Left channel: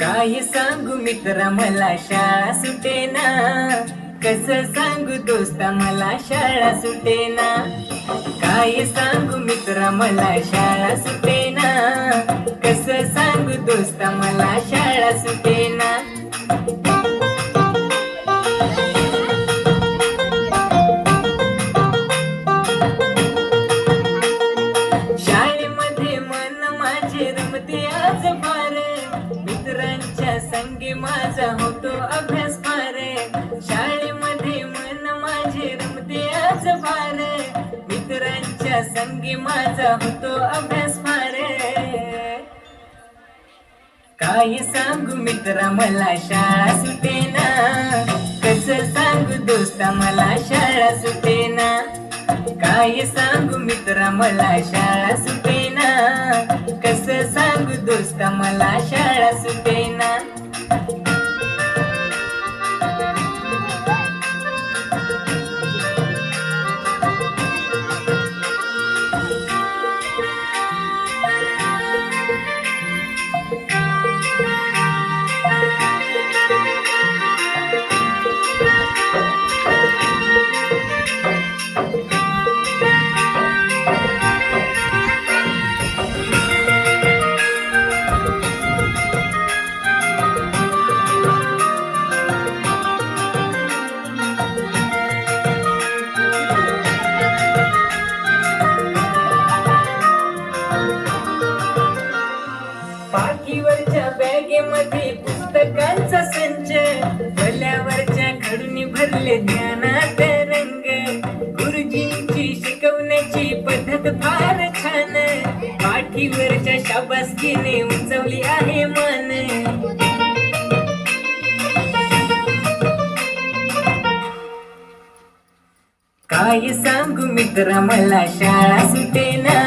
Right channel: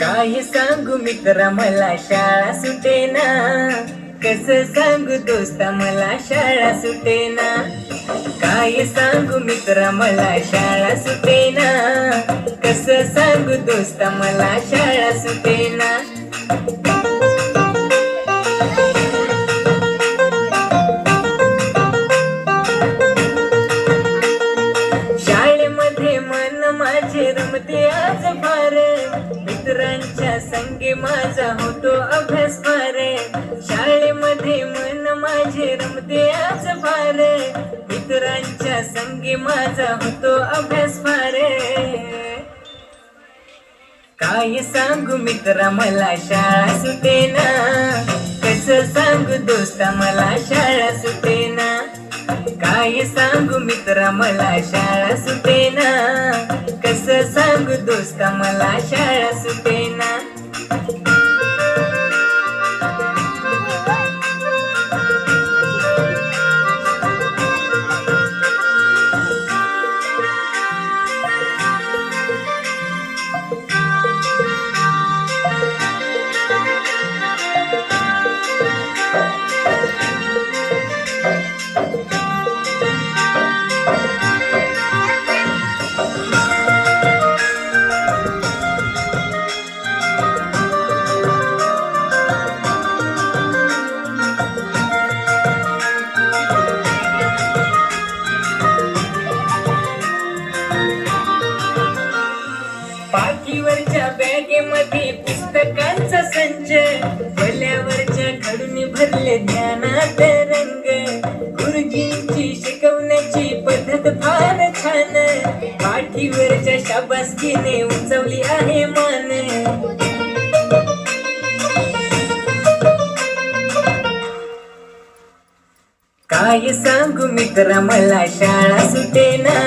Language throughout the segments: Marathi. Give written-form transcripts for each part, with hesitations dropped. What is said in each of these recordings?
काय सांगू मित्रा मला शाळा सुटेना, कसं सांगू दोस्ता मला शाळा सुटेना. काय सांगू मित्रा मला शाळा सुटेना, कसं सांगू दोस्ता मला शाळा सुटेना. शाळेमध्ये मन माझे रमते आज फार, मित्रांच्या संगी माझा होतो अभ्यास फार. शाळेमध्ये मन माझे रमते आज फार, मित्रांच्या संगी माझा होतो अभ्यास फार. काय सांगू मित्रा मला शाळा सुटेना, कसं सांगू दोस्ता मला शाळा सुटेना. काय सांगू मित्रा मला शाळा सुटेना, कसं सांगू दोस्ता मला शाळा सुटेना. पाठीवरच्या बॅगेमध्ये पुस्तकांचा संच, भल्यावरच्या खडून भरले ज्ञानात रंग. गुरुजींची शिकवण्याची पद्धत फार छान, पाठीवरच्या शाबासकीने उंचवली आहे मान. काय सांगू मित्रा मला शाळा सुटेना,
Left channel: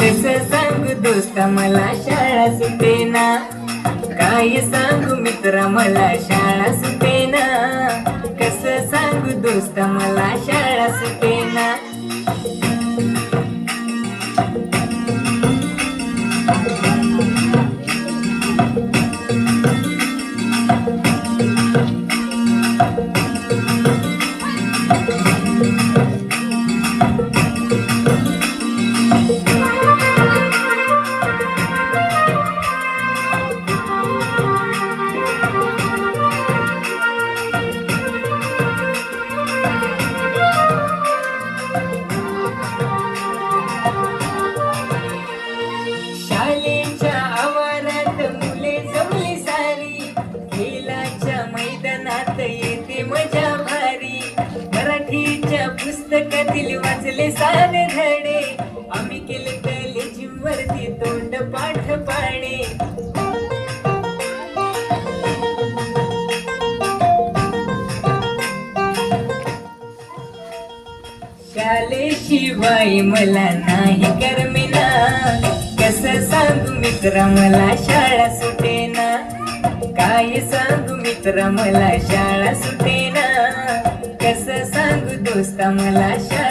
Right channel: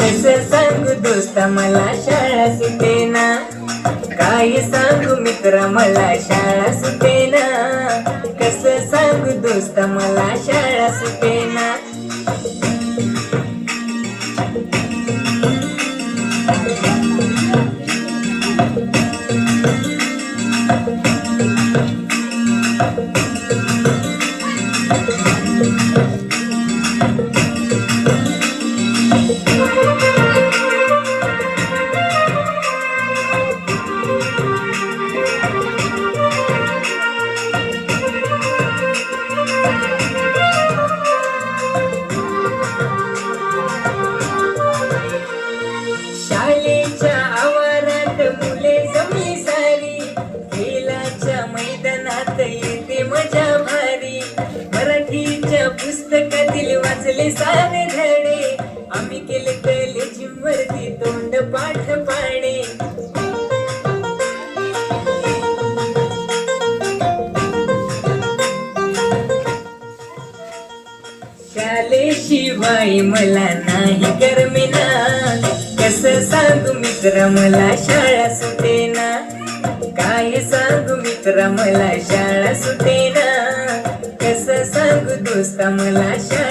कसं सांगू दोस्ता मला शाळा सुटेना. काय सांगू मित्रा मला शाळा सुटेना, कसं सांगू दोस्ता मला शाळा सुटेना. शाळेच्या आवारात मुले जमली सारी, खेळाच्या मैदानात येते मजा भारी. मराठीच्या पुस्तकातील वाचले सारे धडे, आम्ही केले कॉलेजीवरती तोंड पाठ पाडे. शाळेशिवाय मला नाही करमेना, कसं सांगू मित्रा मला शाळा सुटेना. काय सांगू मित्रा मला शाळा सुटेना, कसं सांगू दोस्ता मला शाळा